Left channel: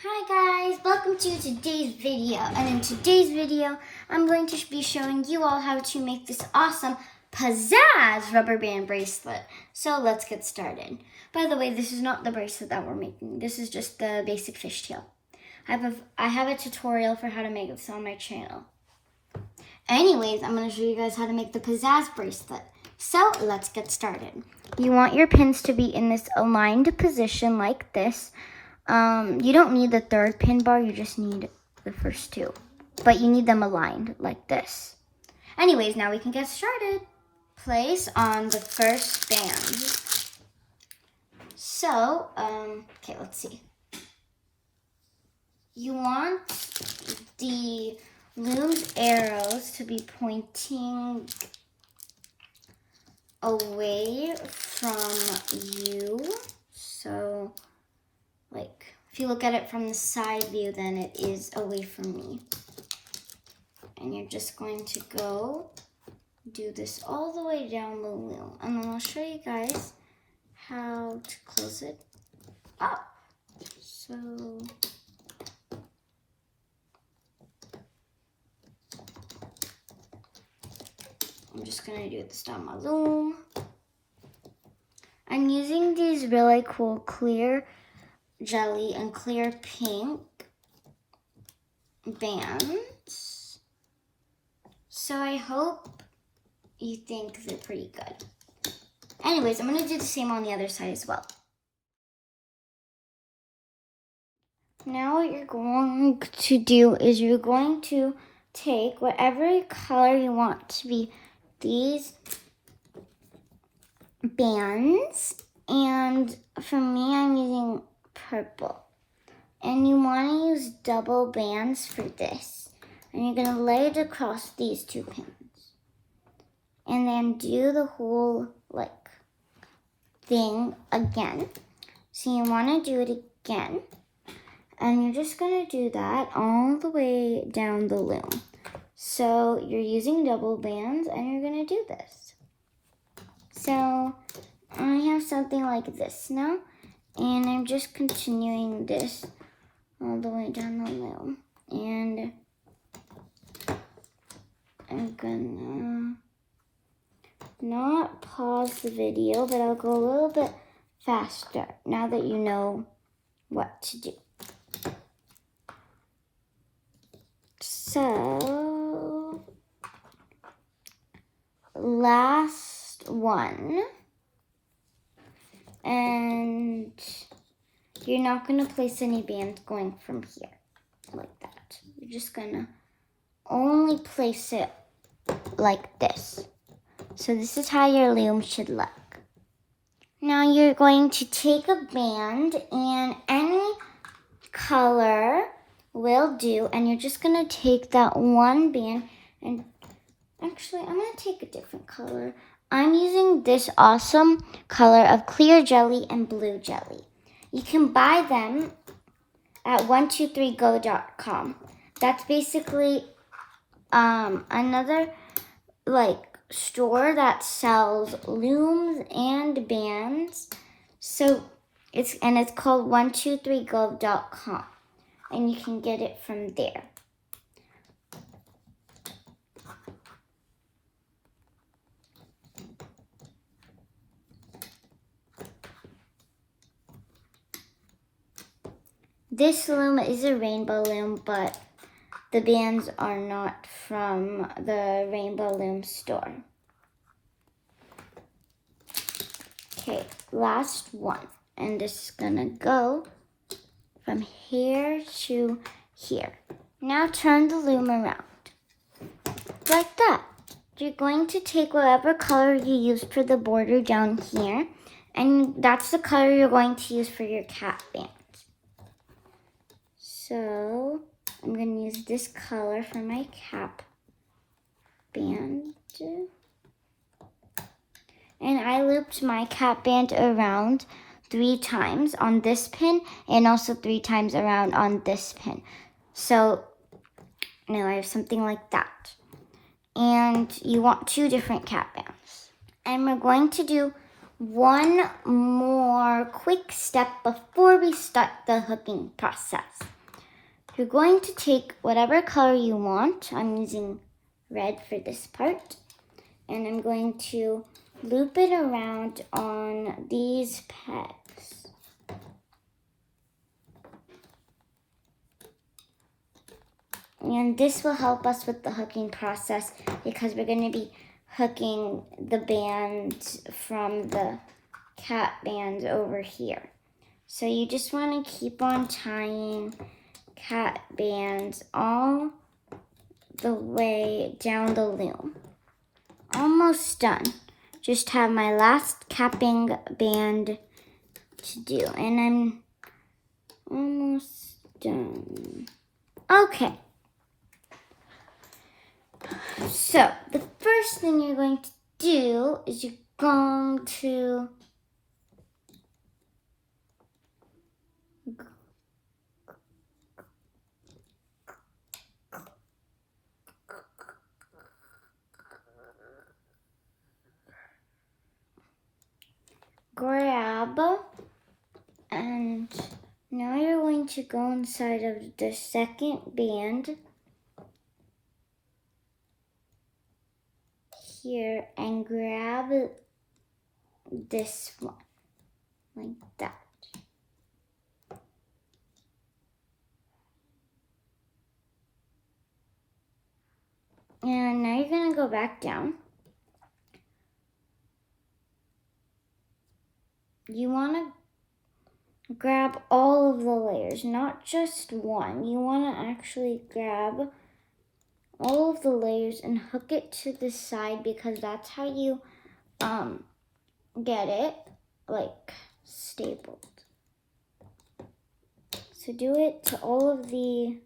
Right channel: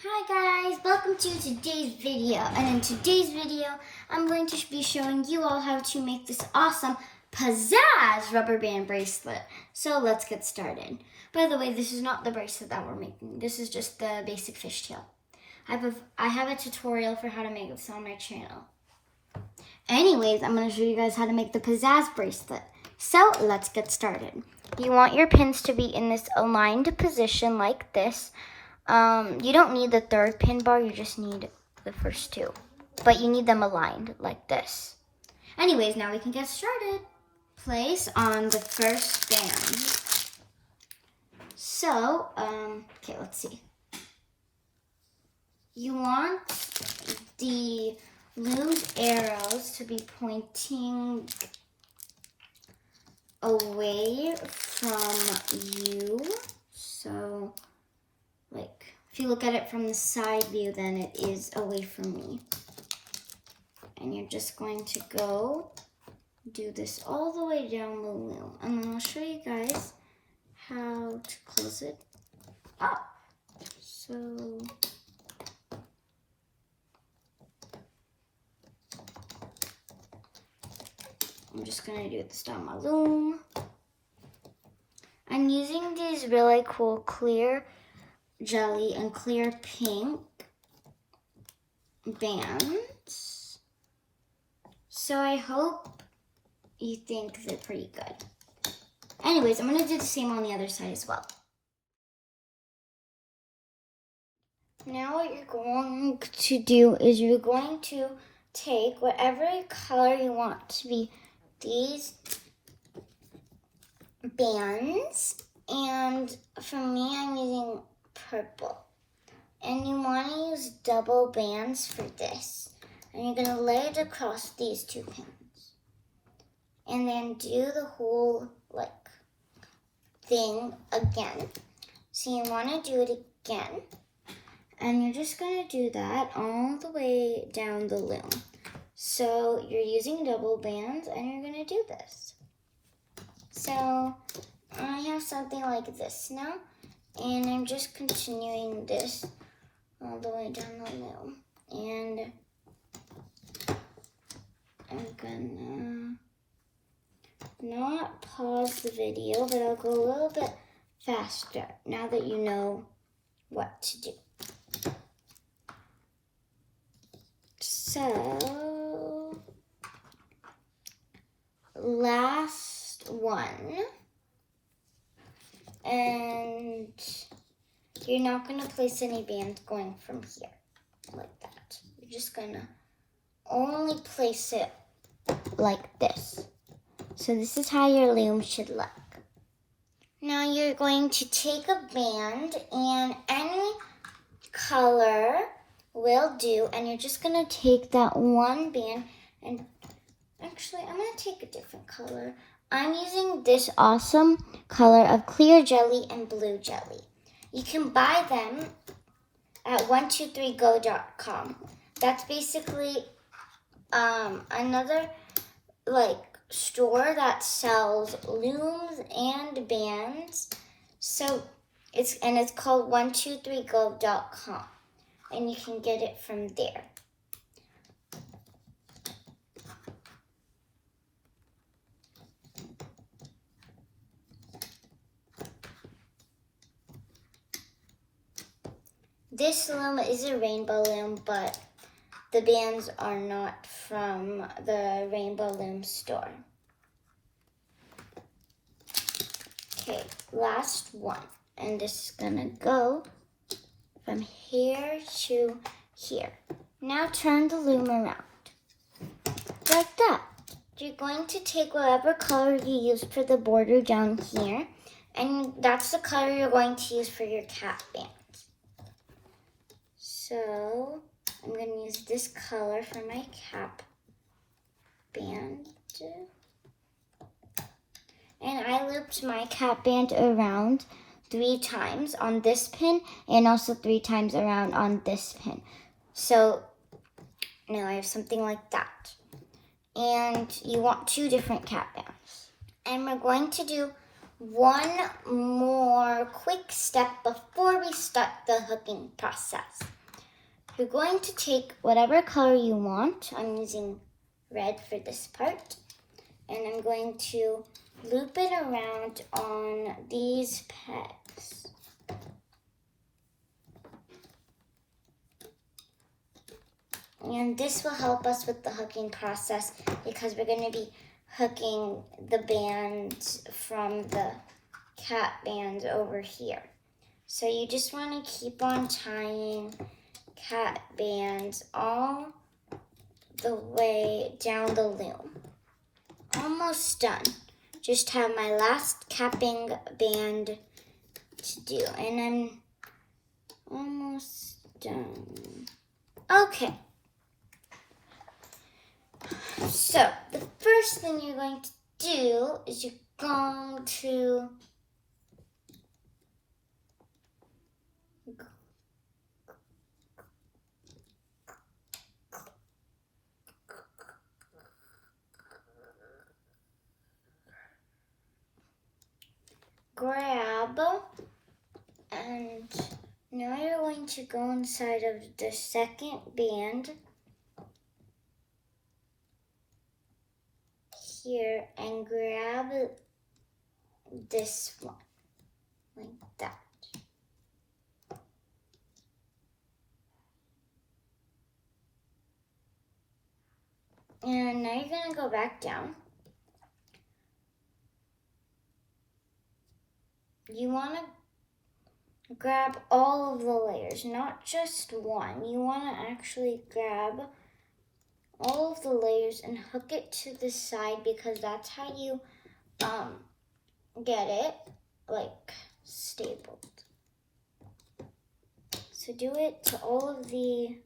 Hi guys, welcome to today's video, and in today's video I'm going to be showing you all how to make this awesome Pizzazz rubber band bracelet. So let's get started. By the way, this is not the bracelet that we're making. This is just the basic fishtail. I have a tutorial for how to make this on my channel. Anyways, I'm going to show you guys how to make the Pizzazz bracelet. So let's get started. You want your pins to be in this aligned position like this. You don't need the third pin bar, you just need the first two. But you need them aligned like this. Anyways, now we can get started. Place on the first band. So, okay, let's see. You want the loom's arrows to be pointing away from you. So, like, if you look at it from the side view, then it is away from me. And you're just going to go do this all the way down the loom. And then I'll show you guys how to close it up. So, I'm just going to do this down my loom. I'm using these really cool clear jelly and clear pink bands. So I hope you think they're pretty good. Anyways, I'm going to do the same on the other side as well. Now what you're going to do is you're going to take whatever color you want to be these bands, and for me I'm using purple. And you want to use double bands for this. And you're going to lay it across these two pins. And then do the whole, like, thing again. So you want to do it again. And you're just going to do that all the way down the loom. So you're using double bands and you're going to do this. So I have something like this now. And I'm just continuing this all the way down the loom. And I'm gonna not pause the video, but I'll go a little bit faster now that you know what to do. So, last one. And you're not going to place any bands going from here like that. You're just going to only place it like this. So this is how your loom should look. Now you're going to take a band, and any color will do, and you're just going to take that one band, and actually I'm going to take a different color. I'm using this awesome color of clear jelly and blue jelly. You can buy them at 123go.com. That's basically another store that sells looms and bands. So it's called 123go.com, and you can get it from there. This loom is a rainbow loom, but the bands are not from the Rainbow Loom store. Okay, last one. And this is gonna go from here to here. Now turn the loom around. Like that. You're going to take whatever color you used for the border down here, and that's the color you're going to use for your cap band. So I'm going to use this color for my cap band. And I looped my cap band around 3 times on this pin, and also 3 times around on this pin. So now I have something like that. And you want 2 different cap bands. And we're going to do one more quick step before we start the hooking process. You're going to take whatever color you want. I'm using red for this part. And I'm going to loop it around on these pegs. And this will help us with the hooking process because we're going to be hooking the band from the cat band over here. So you just want to keep on tying cat bands all the way down the loom. Almost done. Just have my last capping band to do, and I'm almost done. Okay. So the first thing you're going to do is you're going to grab, and now you're going to go inside of the second band here and grab this one like that. And now you're going to go back down. You want to grab all of the layers, not just one. You want to actually grab all of the layers and hook it to the side because that's how you get it like stapled. So do it to all of the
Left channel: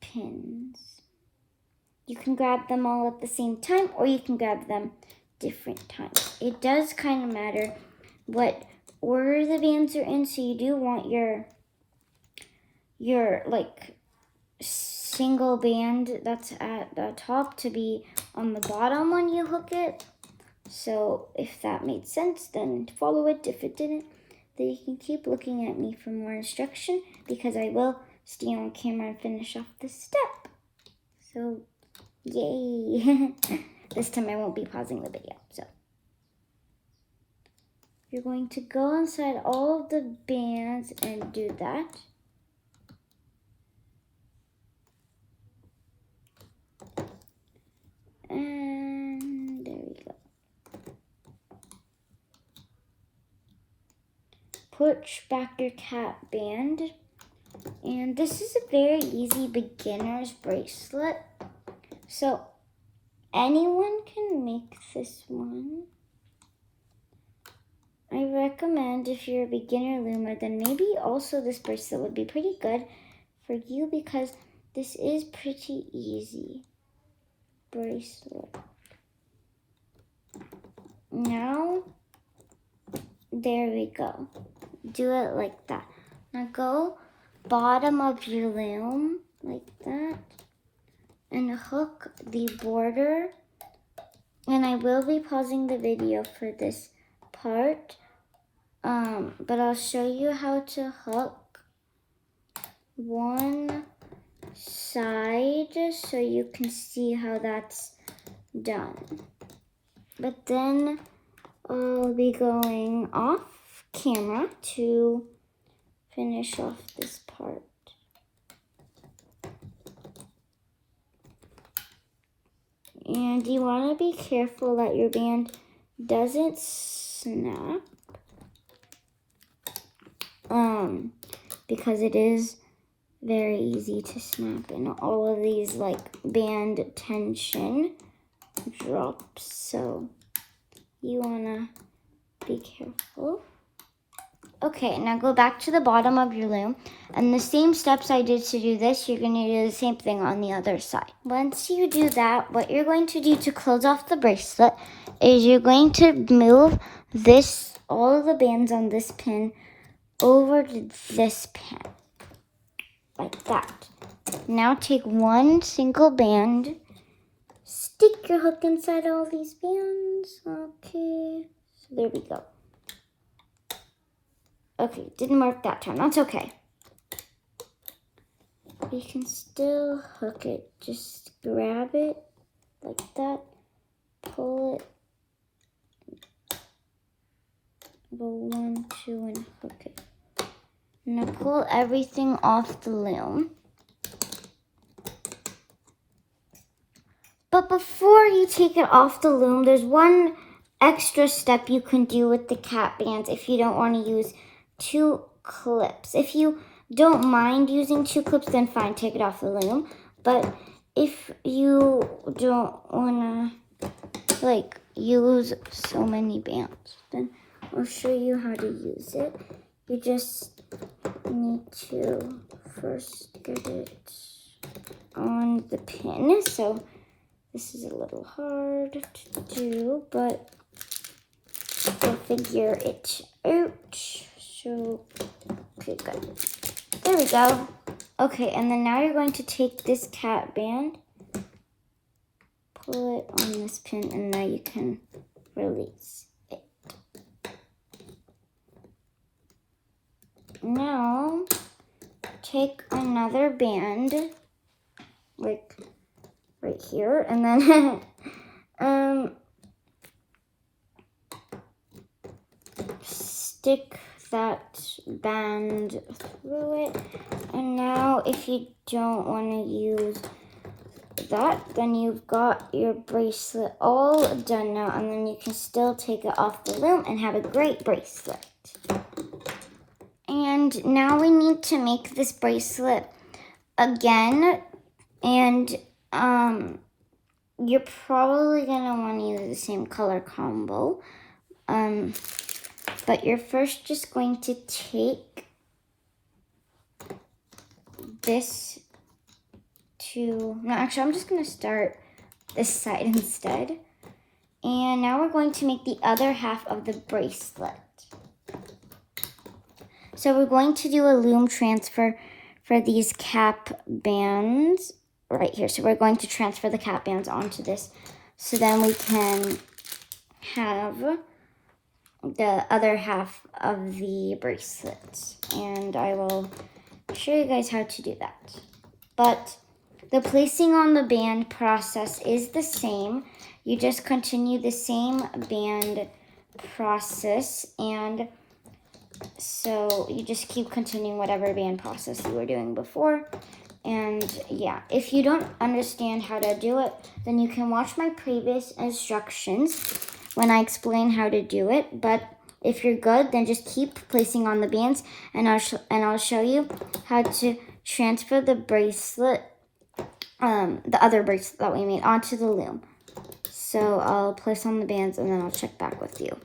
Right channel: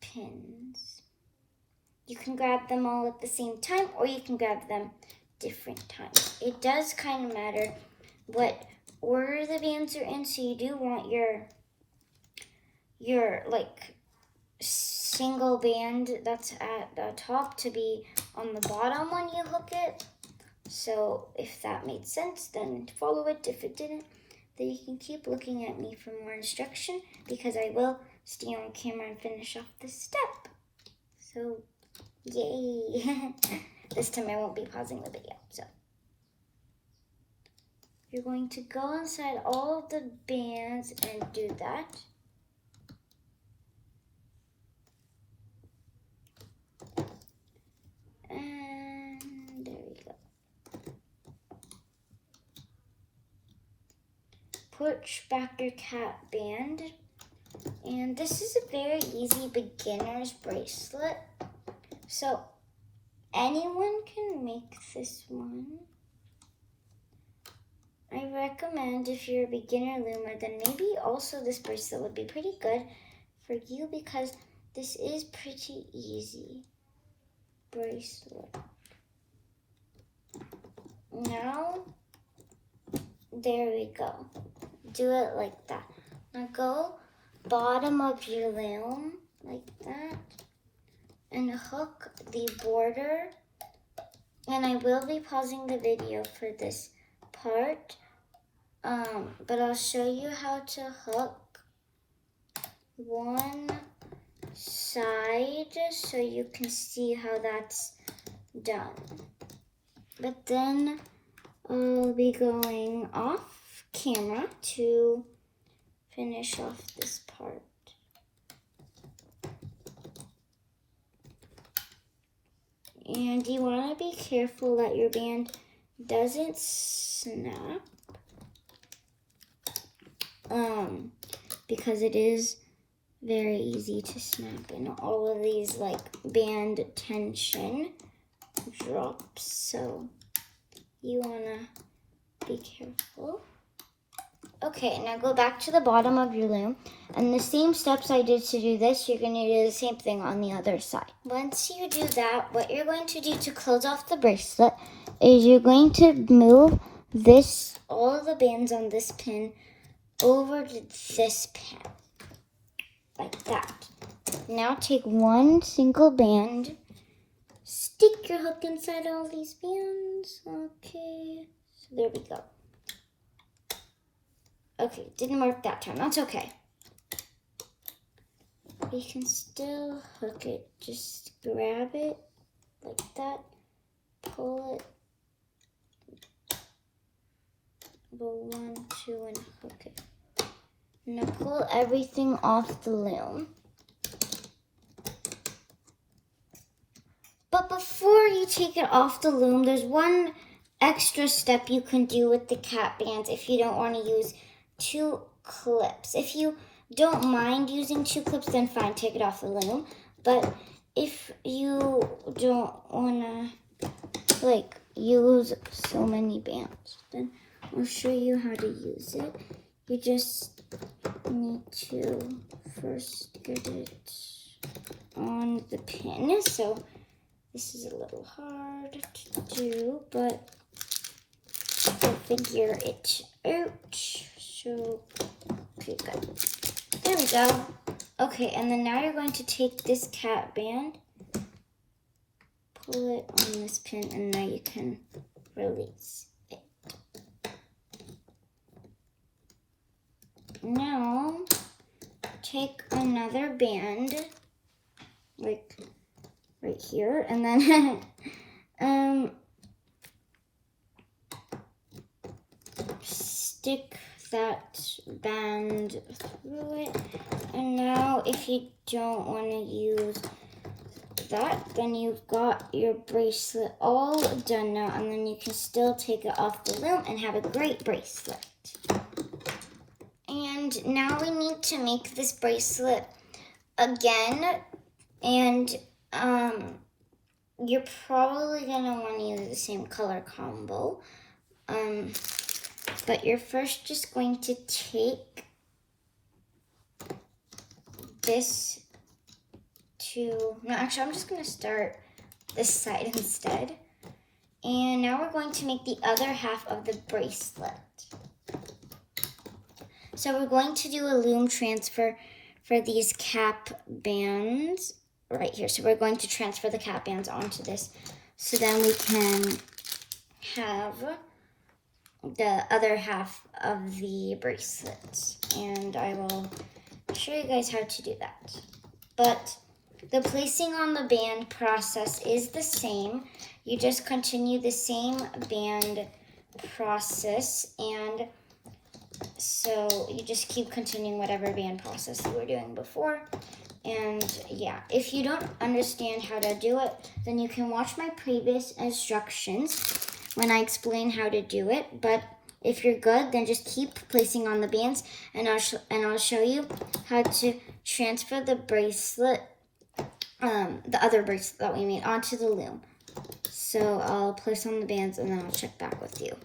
pins. You can grab them all at the same time or you can grab them different times. It does kind of matter what order the bands are in, so you do want your like single band that's at the top to be on the bottom when you hook it. So if that made sense, then follow it. If it didn't, then you can keep looking at me for more instruction because I will stay on camera and finish off this step. So yay. This time I won't be pausing the video. So you're going to go inside all of the bands and do that. And there we go. Push back your cat band. And this is a very easy beginner's bracelet. So anyone can make this one. I recommend if you're a beginner loomer, then maybe also this bracelet would be pretty good for you because this is pretty easy bracelet. Now, there we go. Do it like that. Now go bottom of your loom like that and hook the border. And I will be pausing the video for this part, but I'll show you how to hook one side so you can see how that's done. But then I'll be going off camera to finish off this part. And you want to be careful that your band doesn't snap, because it is very easy to snap and all of these like band tension drops, so you want to be careful. Okay, now go back to the bottom of your loom, and the same steps I did to do this, you're going to do the same thing on the other side. Once you do that, what you're going to do to close off the bracelet is you're going to move this, all of the bands on this pin over to this pin, like that. Now take one single band stick your hook inside all these bands. Okay, so there we go. Okay, didn't work that time. That's okay. You can still hook it. Just grab it like that, pull it, go 1, 2, and hook it. Now pull everything off the loom. But before you take it off the loom, there's one extra step you can do with the cap bands if you don't want to use 2 clips. If you don't mind using 2 clips, then fine, take it off the loom. But if you don't want to like use so many bands, then I'll show you how to use it. You just need to first get it on the pin. So this is a little hard to do, but I'll figure it out. So, okay, good. There we go. Okay, and then now you're going to take this cap band, pull it on this pin, and now you can release it. Now, take another band, like right here, and then stick that band through it. And now if you don't want to use that, then you've got your bracelet all done now, and then you can still take it off the loom and have a great bracelet. And now we need to make this bracelet again, and you're probably gonna want to use the same color combo, but you're first just going to take this no, actually I'm just gonna start this side instead. And now we're going to make the other half of the bracelet. So we're going to do a loom transfer for these cap bands right here. So we're going to transfer the cap bands onto this, so then we can have the other half of the bracelet. And I will show you guys how to do that. But the placing on the band process is the same. You just continue the same band process, and so you just keep continuing whatever band process you were doing before. And yeah, if you don't understand how to do it, then you can watch my previous instructions when I explain how to do it. But if you're good, then just keep placing on the bands, and I'll show you how to transfer the bracelet, the other bracelet that we made, onto the loom. So I'll place on the bands, and then I'll check back with you.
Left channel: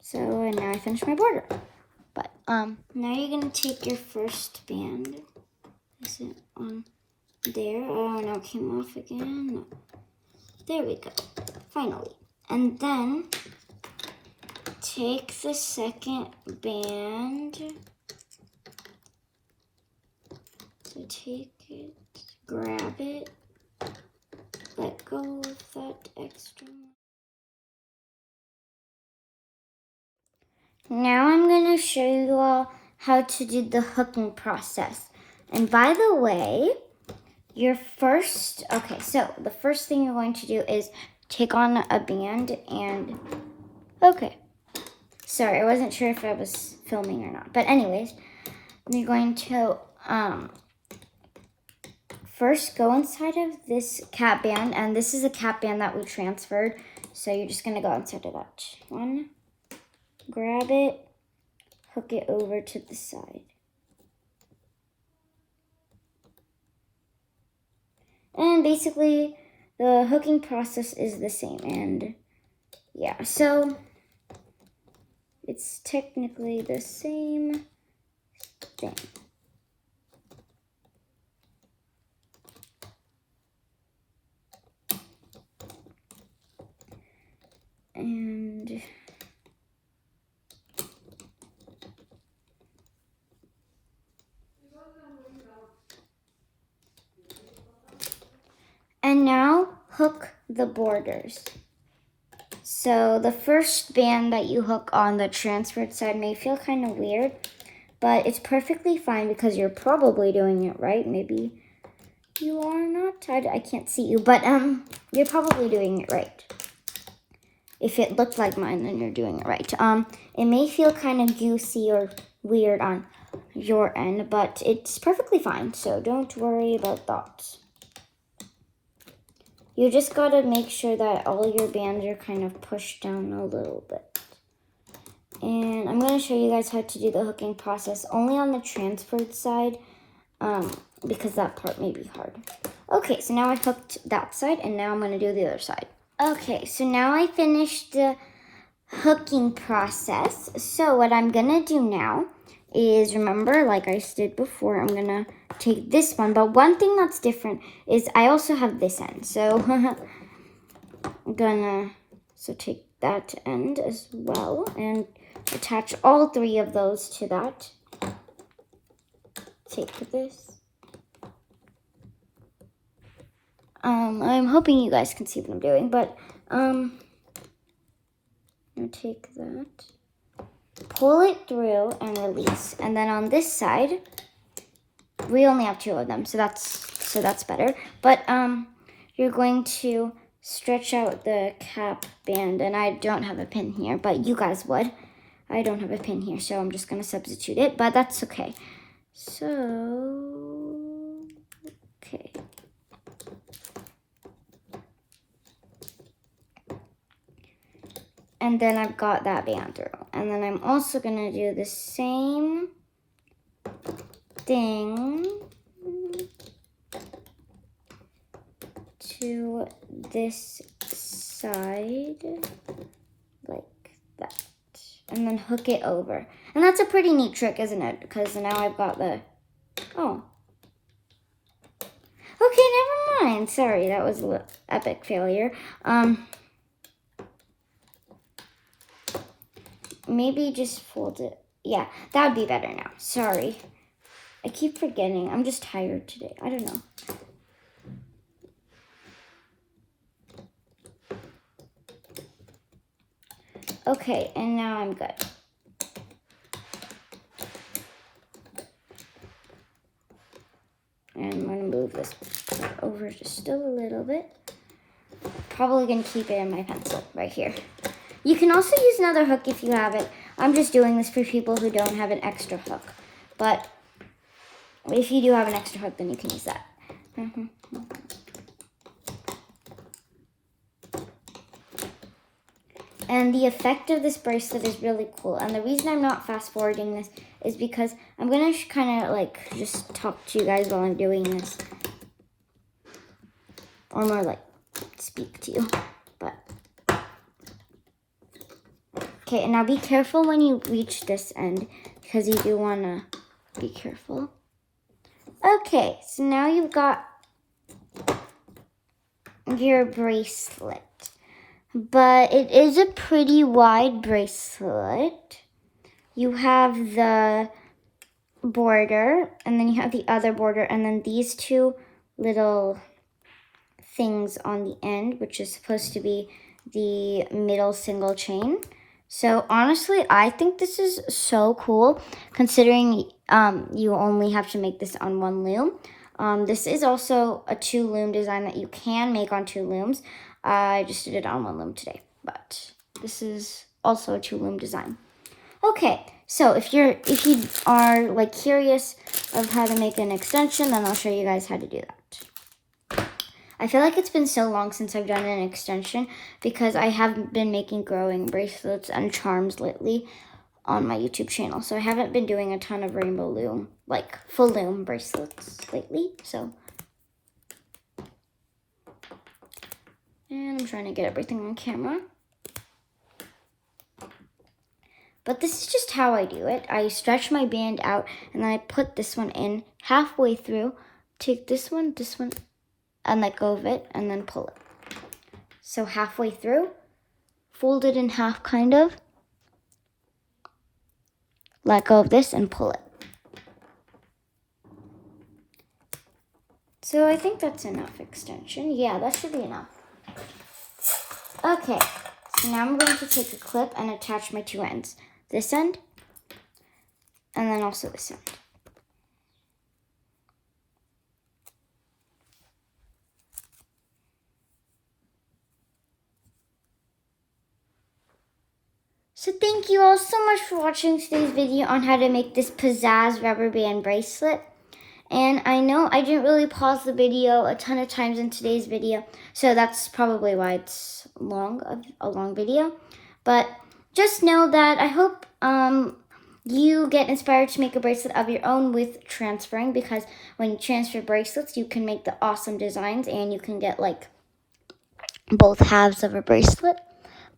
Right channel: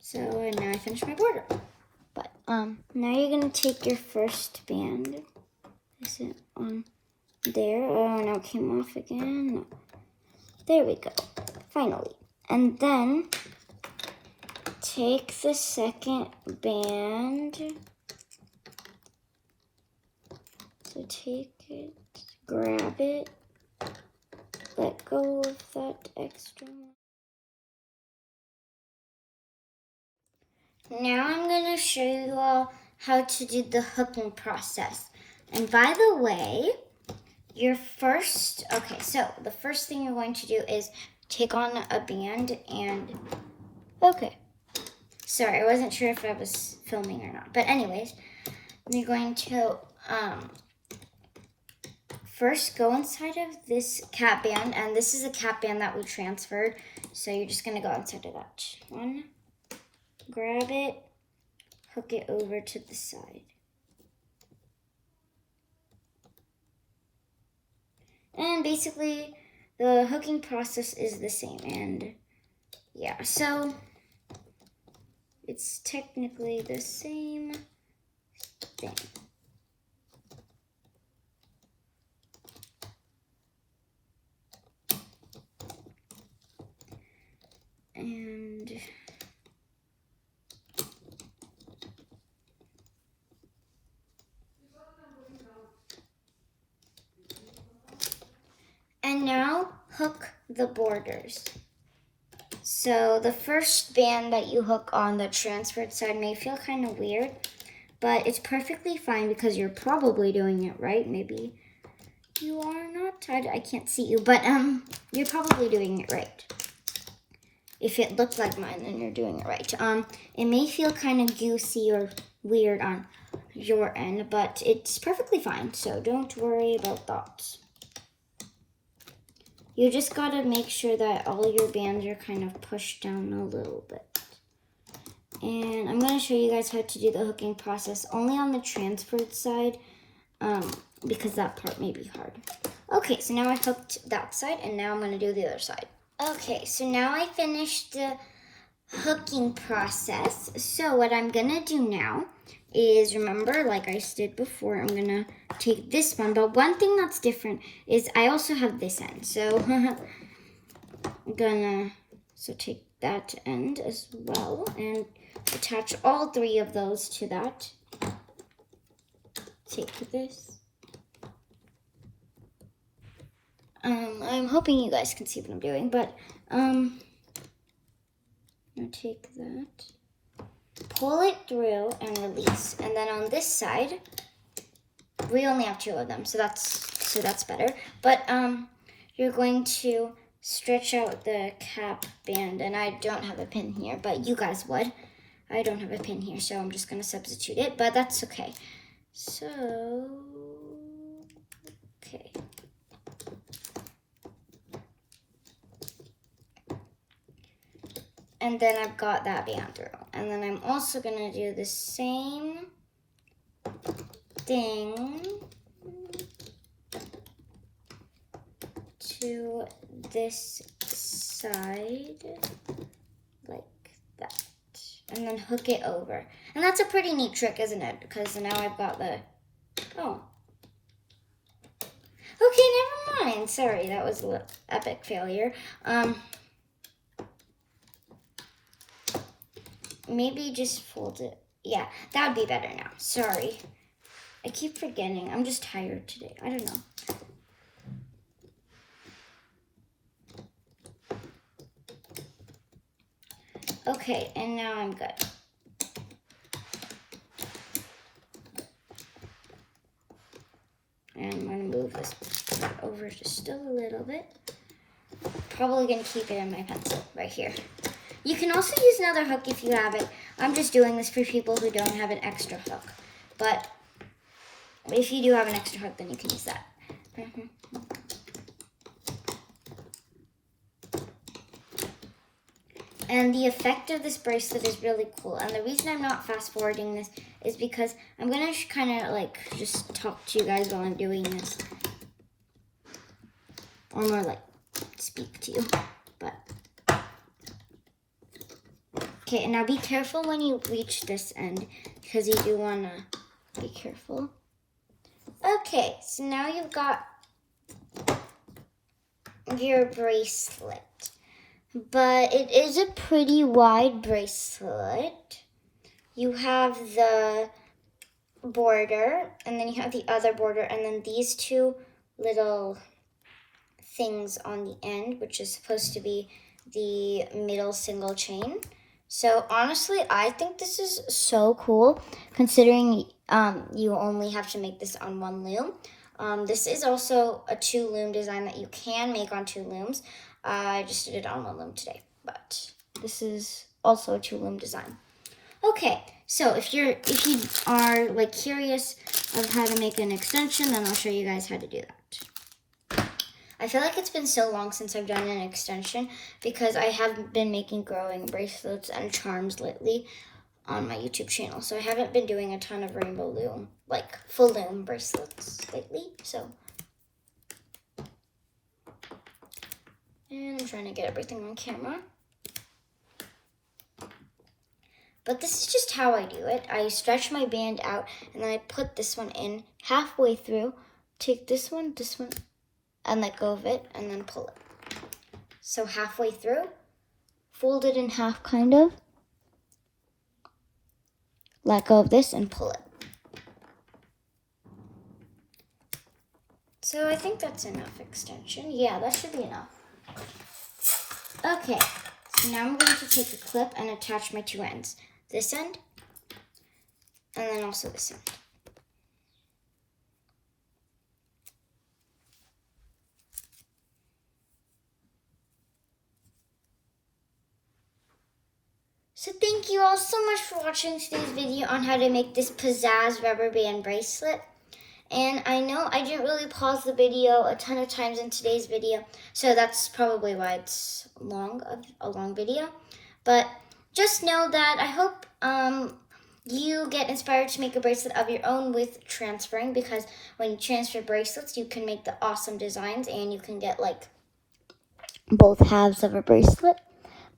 So, and now I finished my border. But now you're gonna take your first band. Is it on there? Oh, now it came off again. No. There we go. Finally. And then take the second band. So take it, grab it, let go of that extra one. Now I'm going to show you all how to do the hooking process. And by the way, the first thing you're going to do is take on a band and, okay. Sorry, I wasn't sure if I was filming or not. But anyways, you're going to first go inside of this cap band, and this is a cap band that we transferred. So you're just going to go inside of that one. Grab it, hook it over to the side. And basically, the hooking process is the same. And yeah, so it's technically the same thing. And now hook the borders. So the first band that you hook on the transferred side may feel kind of weird, but it's perfectly fine because you're probably doing it right. Maybe you are not. I can't see you, but you're probably doing it right. If it looked like mine, then you're doing it right. It may feel kind of goosey or weird on your end, but it's perfectly fine, so don't worry about that. You just gotta make sure that all your bands are kind of pushed down a little bit. And I'm gonna show you guys how to do the hooking process only on the transferred side, because that part may be hard. Okay, so now I hooked that side, and now I'm gonna do the other side. Okay, so now I finished the hooking process. So what I'm gonna do now is, remember, like I did before, I'm gonna take this one, but one thing that's different is I also have this end. So I'm gonna take that end as well and attach all three of those to that. Take this. I'm hoping you guys can see what I'm doing, but I'm gonna take that, pull it through and release. And then on this side, we only have two of them, so that's better. But you're going to stretch out the cap band, and I don't have a pin here, but you guys would. I don't have a pin here, so I'm just gonna substitute it, but that's okay. So, okay. And then I've got that band through. And then I'm also gonna do the same thing to this side, like that. And then hook it over. And that's a pretty neat trick, isn't it? Because now I've got the, oh. Okay, never mind. Sorry, that was an epic failure. Maybe just fold it. Yeah, that would be better now. Sorry. I keep forgetting. I'm just tired today. I don't know. Okay, and now I'm good. And I'm going to move this over just still a little bit. Probably going to keep it in my pencil right here. You can also use another hook if you have it. I'm just doing this for people who don't have an extra hook. But if you do have an extra hook, then you can use that. And the effect of this bracelet is really cool. And the reason I'm not fast forwarding this is because I'm gonna kind of like just talk to you guys while I'm doing this. Or more like speak to you. But okay, and now be careful when you reach this end because you do wanna be careful. Okay, so now you've got your bracelet. But it is a pretty wide bracelet. You have the border, and then you have the other border, and then these two little things on the end, which is supposed to be the middle single chain. So honestly, I think this is so cool, considering you only have to make this on one loom. This is also a 2-loom design that you can make on 2 looms. I just did it on 1 loom today, but this is also a 2-loom design. Okay, so if you are like curious of how to make an extension, then I'll show you guys how to do that. I feel like it's been so long since I've done an extension because I haven't been making growing bracelets and charms lately on my YouTube channel. So I haven't been doing a ton of rainbow loom, like full loom bracelets lately, so. And I'm trying to get everything on camera. But this is just how I do it. I stretch my band out and then I put this one in halfway through, take this one, and let go of it and then pull it. So halfway through, fold it in half kind of, let go of this and pull it. So I think that's enough extension. Yeah, that should be enough. Okay, so now I'm going to take a clip and attach my two ends. This end, and then also this end. So thank you all so much for watching today's video on how to make this Pizzazz rubber band bracelet. And I know I didn't really pause the video a ton of times in today's video, so that's probably why it's a long video. But just know that I hope you get inspired to make a bracelet of your own with transferring, because when you transfer bracelets, you can make the awesome designs and you can get like both halves of a bracelet.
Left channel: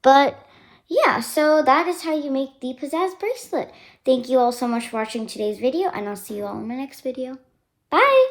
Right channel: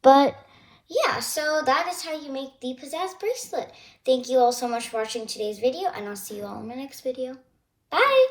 But yeah, so that is how you make the Pizzazz bracelet. Thank you all so much for watching today's video, and I'll see you all in my next video. Bye!